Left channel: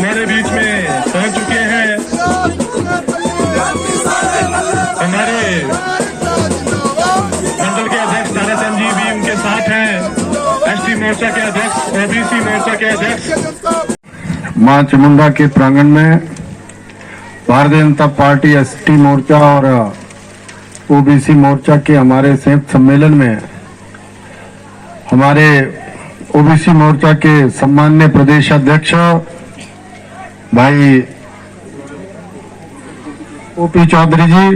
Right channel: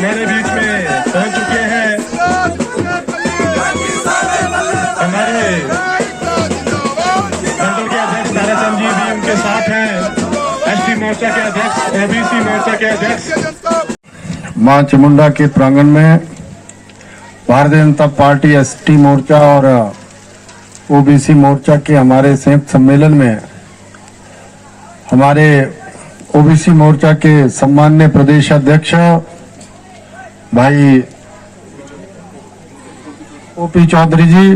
हमारे बीच में पहुंच चुके हैं। हमारे मंडल के अध्यक्ष ताराचंद जी भी उनके साथ हैं। एसटी मोर्चा के अध्यक्ष, ओबीसी मोर्चा के अध्यक्ष। मां चामुंडा के प्रांगण में भारतीय जनता पार्टी एसटी मोर्चा और ओबीसी मोर्चा के हमारे संयुक्त सम्मेलन में हमारे ओबीसी मोर्चा के सम्माननीय प्रदेश अध्यक्ष भाई ओपी चौधरी जी,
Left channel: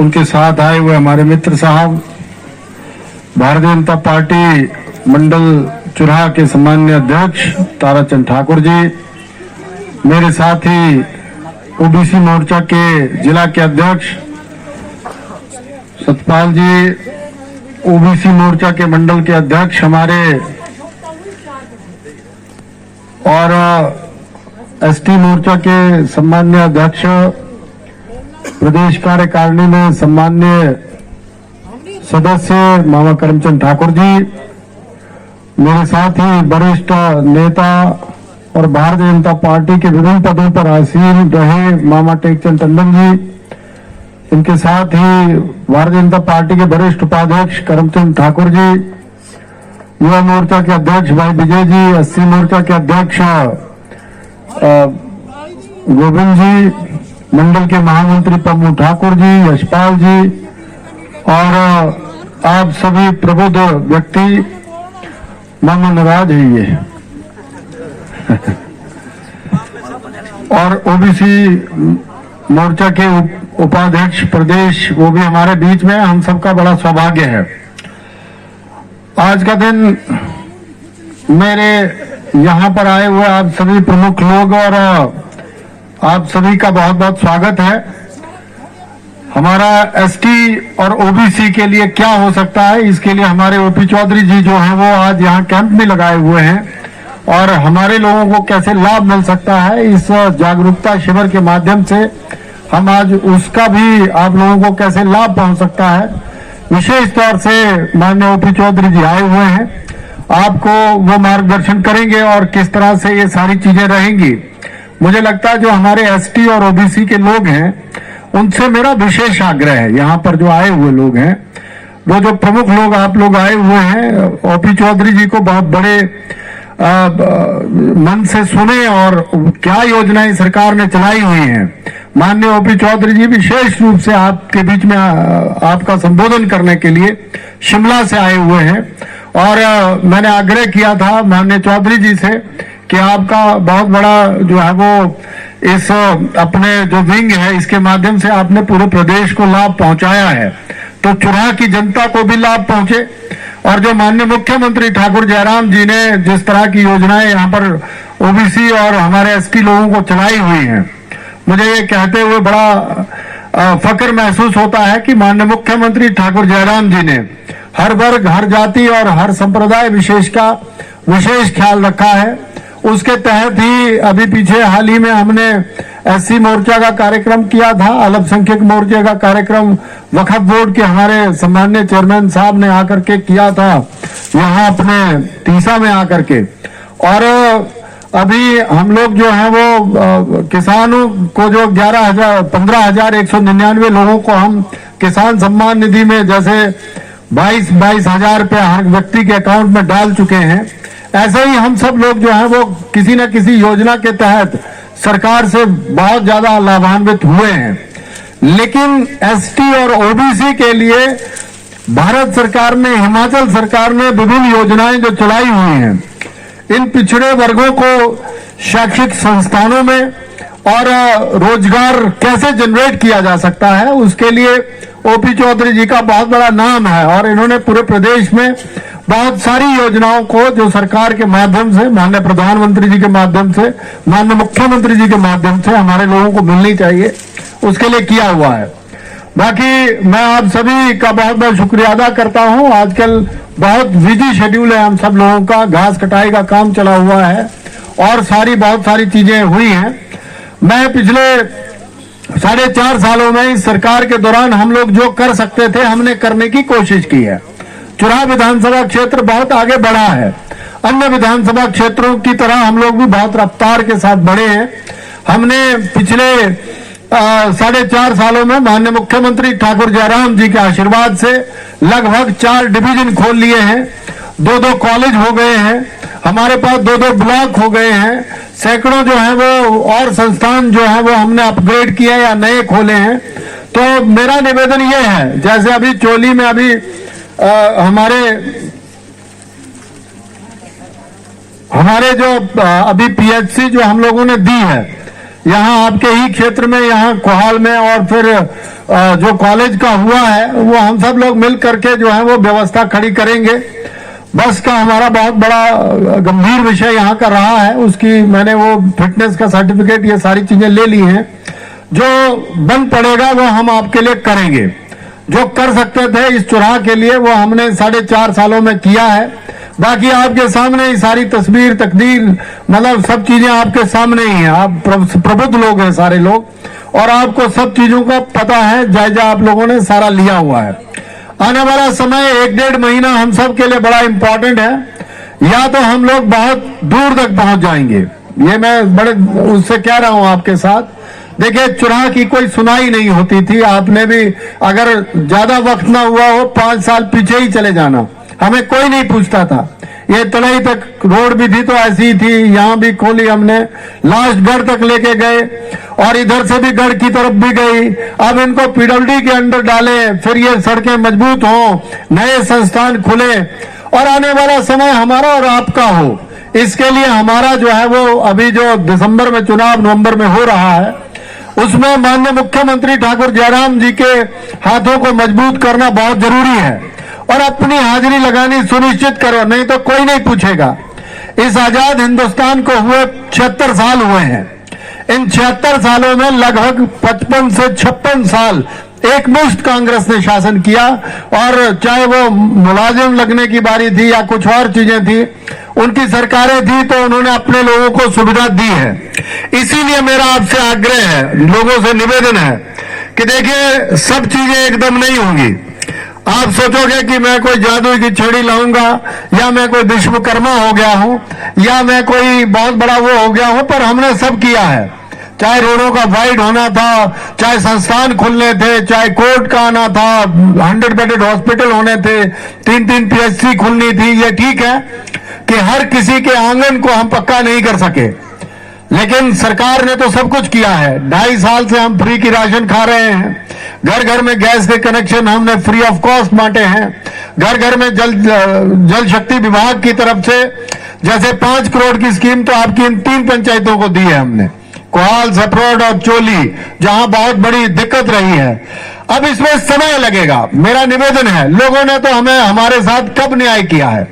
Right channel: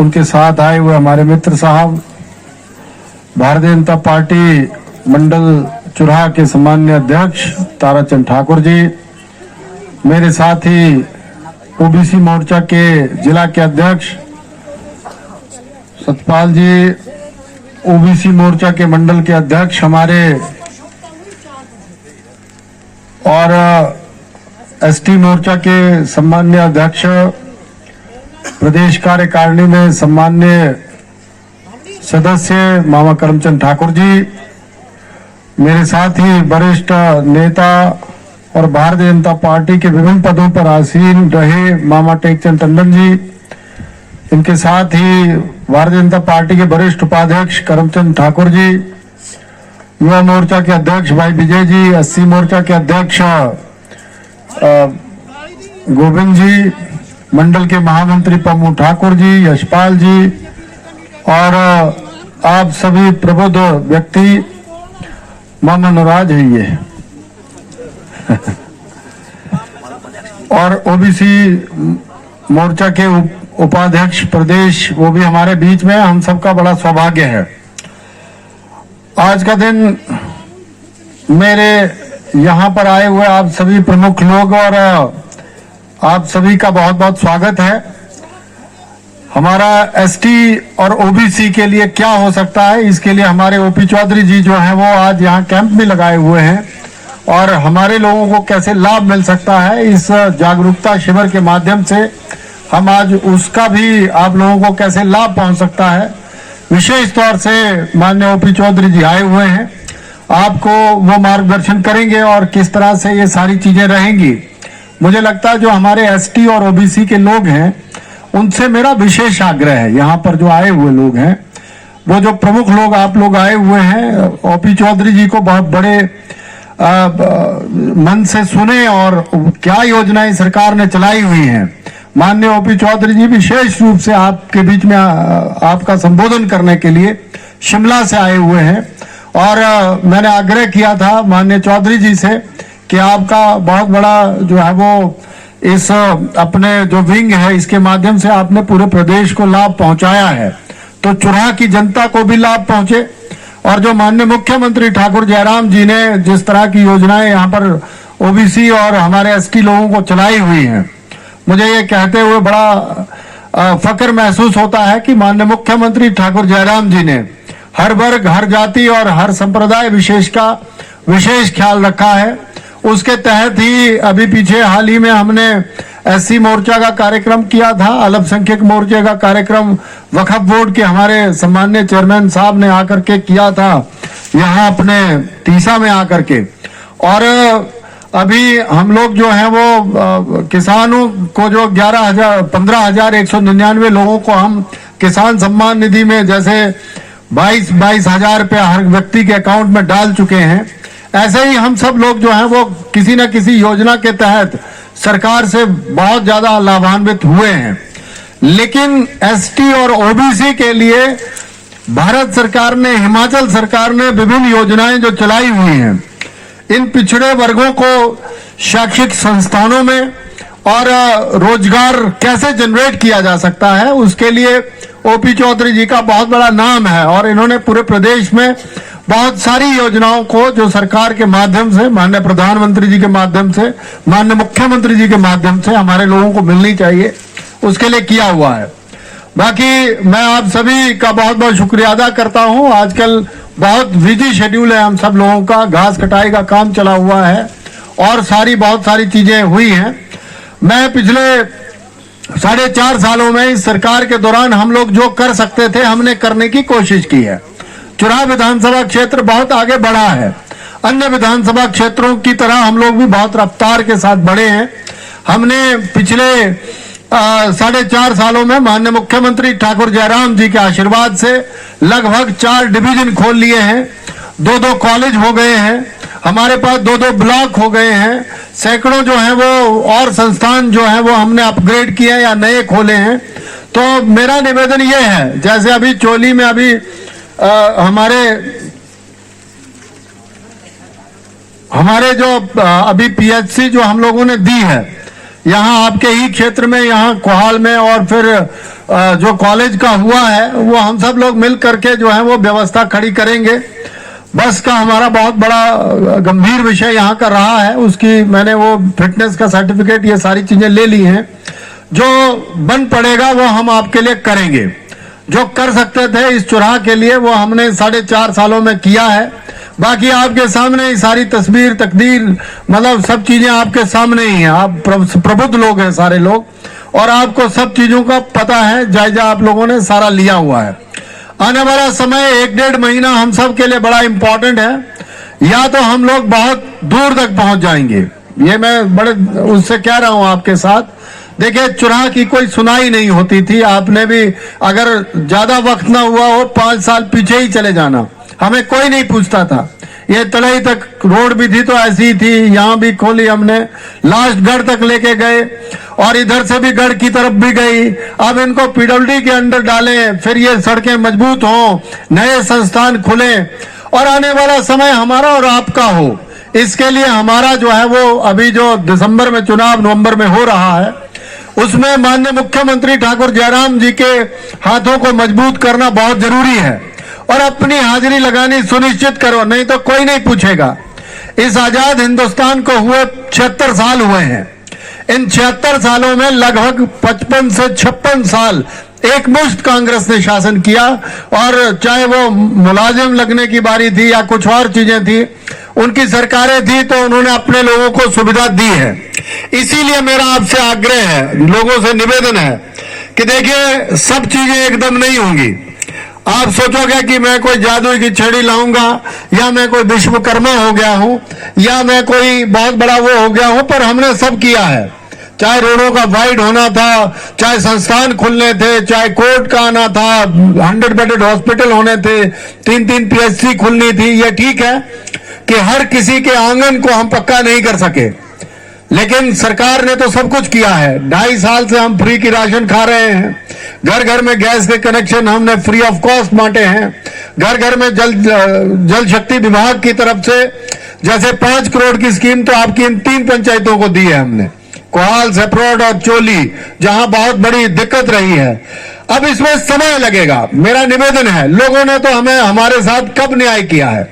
उनके साथ आए हुए हमारे मित्र साहब, भारतीय जनता पार्टी मंडल चुराह के सम्माननीय अध्यक्ष ताराचंद ठाकुर जी, मेरे साथ ही ओबीसी मोर्चा के जिला के अध्यक्ष सतपाल जी, ओबीसी मोर्चा के मंडल के अध्यक्ष हमारे और एसटी मोर्चा के सम्माननीय अध्यक्ष प्रदेश कार्यकारिणी में सम्माननीय सदस्य मामा करमचंद ठाकुर जी, मेरे साथ ही वरिष्ठ नेता और भारतीय जनता पार्टी के विभिन्न पदों पर आसीन रहे मामा टेकचंद टंडन जी, इनके साथ ही भारतीय जनता पार्टी के वरिष्ठ उपाध्यक्ष करमचंद ठाकुर जी, युवा मोर्चा के अध्यक्ष भाई विजय जी, एससी मोर्चा के अध्यक्ष गोविंद जी, मंडल के महामंत्री पम्मू ठाकुर जी, यशपाल जी और आप सभी प्रबुद्ध व्यक्ति, मामा नाराज है ये और ओबीसी मोर्चा के उपाध्यक्ष प्रदेश, वो भी हमारे बीच में, हम सबका बड़ा सौभाग्य है। आज का दिन मेरे यहाँ पर आए हुए आप सभी प्रमुख लोग और आप सभी का बहुत बहुत स्वागत है। हमारा एसटी और ओबीसी के लिए क्या हो सकता है, इसके लिए हमारे ओपी चौधरी जी जो है वो आज यहाँ कैंप में लगाए हुए हैं और हमारे लोगों को कैसे लाभ मिल सकता है इस जागरूकता शिविर के माध्यम से, हम आज उसका भी आप लोगों को कैसे लाभ पहुंच सकता है, विशेष तौर से माननीय ओपी चौधरी जी आए हुए हैं, आपको वो मार्गदर्शन करेंगे और किस तरह से ये सारी चीजें रहेंगी। मुझे लगता है जो हमारे एसटी और ओबीसी के लोग हैं उनसे मेरा विशेष आग्रह है, यहाँ पर जो आए हुए लोग हैं, वो जो प्रमुख लोग आप लोग आए हुए हैं, ओपी चौधरी जी को बहुत बड़े मन से सुने और क्या योजनाएं सरकार ने चलाई हुई हैं। माननीय ओपी चौधरी जी विशेष रूप से आपके बीच में आपका संबोधन करने के लिए शिमला से आए हुए हैं और मैंने आग्रह किया था माननीय चौधरी जी से कि आपका बहुत बड़ा जो है वो इस अपने जो विंग है इसके माध्यम से आपने पूरे प्रदेश को लाभ पहुंचाया है, तो चुराह की जनता को भी लाभ पहुंचे। और जो माननीय मुख्यमंत्री ठाकुर जयराम जी ने जिस तरह की योजनाएं यहाँ पर ओबीसी और हमारे एसटी लोगों को चलाई हुई हैं, मुझे ये कहते हुए बड़ा फक्र महसूस होता है कि माननीय मुख्यमंत्री ठाकुर जयराम जी ने हर वर्ग, हर जाति और हर संप्रदाय विशेष का विशेष ख्याल रखा है। उसके तहत ही अभी पीछे हाल ही में हमने एससी मोर्चा का कार्यक्रम किया था, अल्पसंख्यक मोर्चे का कार्यक्रम वक्फ बोर्ड के हमारे सम्माननीय चेयरमैन साहब ने आकर के किया था यहाँ अपने तीसा में आकर के। और अभी हम लोग जो है वो किसानों को जो 15,199 लोगों को हम किसान सम्मान निधि में जैसे 22,000 रुपया हर व्यक्ति के अकाउंट में डाल चुके हैं, ऐसे ही हम सब लोग जो है वो किसी न किसी योजना के तहत सरकार से बहुत ज्यादा लाभान्वित हुए हैं। लेकिन एसटी और ओबीसी के लिए भारत सरकार ने, हिमाचल सरकार ने विभिन्न योजनाएं जो चलाई हुई हैं, इन पिछड़े वर्गों को शैक्षिक संस्थानों में और रोजगार कैसे जनरेट किया जा सकता है, उसके लिए ओपी चौधरी जी का बहुत बड़ा नाम है। और इन्होंने पूरे प्रदेश में बहुत सारी योजनाओं को जो सरकार के माध्यम से, माननीय प्रधानमंत्री जी के माध्यम से, माननीय मुख्यमंत्री जी के माध्यम से हमारे लोगों को मिलनी चाहिए, उसके लिए किया हुआ है। बाकी मैं आप सभी का बहुत बहुत शुक्रिया अदा करता हूं। आजकल बहुत बिजी शेड्यूल है हम सब लोगों का, घास कटाई का काम चला हुआ है और बहुत सारी चीजें हुई हैं। मैं पिछले 4.5 सालों में इस सरकार के दौरान हम लोग जो कर सकते थे हमने करने की कोशिश की है। चुराह विधानसभा क्षेत्र बहुत आगे बढ़ा है, अन्य विधानसभा क्षेत्रों की तरह हम लोग भी बहुत रफ्तार के साथ बढ़े हैं। हमने पिछले 4.5 सालों में माननीय मुख्यमंत्री ठाकुर जयराम जी के आशीर्वाद से लगभग 4 डिवीजन खोल लिए हैं, 2-2 कॉलेज हो गए हैं, हमारे पास 2-2 ब्लॉक हो गए हैं, सैकड़ों जो है वो और संस्थान जो है वो हमने अपग्रेड किए या नए खोले हैं। तो मेरा निवेदन ये है, जैसे अभी चोली में अभी हमारे जो अभी पीएचसी जो हम लोगों ने दी है यहाँ आपके ही क्षेत्र में, यहाँ कोहाल में, और फिर जो कॉलेज का हुआ है वो हम सब लोग मिल करके जो है वो व्यवस्था खड़ी करेंगे। बस का हमारा बहुत बड़ा गंभीर विषय यहाँ का रहा है, उसकी मैंने वो फिटनेस का सर्टिफिकेट ये सारी चीजें ले ली हैं। जो बन पड़ेगा वो हम आपके लिए करेंगे। जो कर सकते थे इस चुराह के लिए वो हमने 4.5 सालों में किया है। बाकी आपके सामने ही सारी तस्वीर तकदीर मतलब सब चीजें आपके सामने ही हैं। आप प्रबुद्ध लोग हैं सारे लोग और आपको सब चीजों का पता है, जायजा आप लोगों ने सारा लिया हुआ है। आने वाला समय 1-1.5 महीना हम सब के लिए बड़ा इंपॉर्टेंट है। या तो हम लोग बहुत दूर तक पहुंच जाएंगे, ये मैं बड़े उससे कह रहा हूं आपके साथ। देखिए चुनाव की कोई सुनाई नहीं होती थी, आपने भी अगर ज्यादा वक्त ना हुआ हो 5 साल पीछे ही चले जाना, हमें कोई नहीं पूछता था। ये तलई तक रोड भी थी तो ऐसी ही थी, यहाँ भी खोली हमने, लास्ट गढ़ तक लेके गए और इधर से भी गढ़ की तरफ भी गई। अब इनको पीडब्ल्यूडी के अंदर डाले, फिर ये सड़कें मजबूत हों, नए संस्थान खुले और आने वाला समय हमारा और आपका हो, इसके लिए हमारा जो है वो अभी जो दिसंबर में चुनाव नवंबर में हो रहा है उसमें माननीय मुख्यमंत्री ठाकुर जयराम जी के हाथों को मजबूत करना बहुत जरूरी है और अपनी हाजिरी लगानी सुनिश्चित करो, नहीं तो कोई नहीं पूछेगा। इस आजाद हिंदुस्तान को हुए 76 साल हुए हैं। इन 76 सालों में लगभग 55 से 56 साल एक मुश्त कांग्रेस ने शासन किया और चाहे वो मुलाजिम लगने की बारी थी या कुछ और चीजें थी, उनकी सरकारें थी तो उन्होंने अपने लोगों को सुविधा दी है। इसीलिए मेरा आपसे आग्रह है, लोगों से निवेदन है कि देखिए सब चीजें एकदम नहीं होंगी। आप सोचोगे कि मैं कोई जादू की छड़ी लाऊंगा या मैं कोई विश्वकर्मा हो गया हूं या मैं कोई बहुत बड़ा वो हो गया हूं, पर हमने सब किया है। चाहे रोडों का वाइड होना था, चाहे संस्थान खुलने थे, चाहे कोर्ट का आना था, 100 बेडेड हॉस्पिटल होने थे, 3-3 पीएचसी खुलनी थी। ये ठीक है कि हर किसी के आंगन को हम पक्का नहीं कर सके, लेकिन सरकार ने तो सब कुछ किया है। 2.5 साल से हम फ्री की राशन खा रहे हैं, घर घर में गैस के कनेक्शन हमने फ्री ऑफ कॉस्ट बांटे हैं, घर घर में जल शक्ति विभाग की तरफ से जैसे 5 करोड़ की स्कीम तो आपकी इन 3 पंचायतों को दी है हमने, कोहाल, सेपरोड और चोली, जहां बहुत बड़ी दिक्कत रही है। अब इसमें समय लगेगा। मेरा निवेदन है, लोगों ने तो हमें हमारे साथ कब न्याय किया है,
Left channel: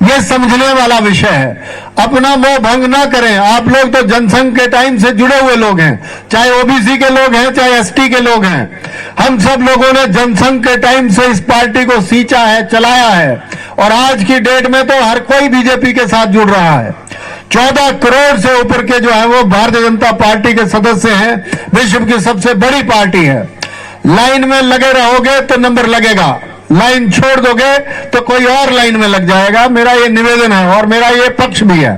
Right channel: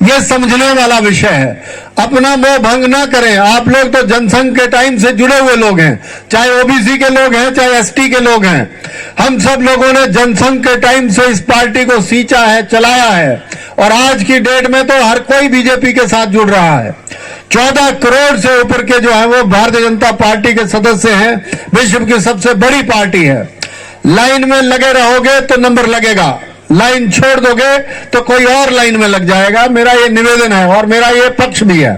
ये समझने वाला विषय है। अपना मोह भंग ना करें। आप लोग तो जनसंघ के टाइम से जुड़े हुए लोग हैं, चाहे ओबीसी के लोग हैं, चाहे एसटी के लोग हैं। हम सब लोगों ने जनसंघ के टाइम से इस पार्टी को सींचा है, चलाया है, और आज की डेट में तो हर कोई बीजेपी के साथ जुड़ रहा है। 14 करोड़ से ऊपर के जो है वो भारतीय जनता पार्टी के सदस्य हैं। विश्व की सबसे बड़ी पार्टी है। लाइन में लगे रहोगे तो नंबर लगेगा, लाइन छोड़ दोगे तो कोई और लाइन में लग जाएगा। मेरा ये निवेदन है और मेरा ये पक्ष भी है।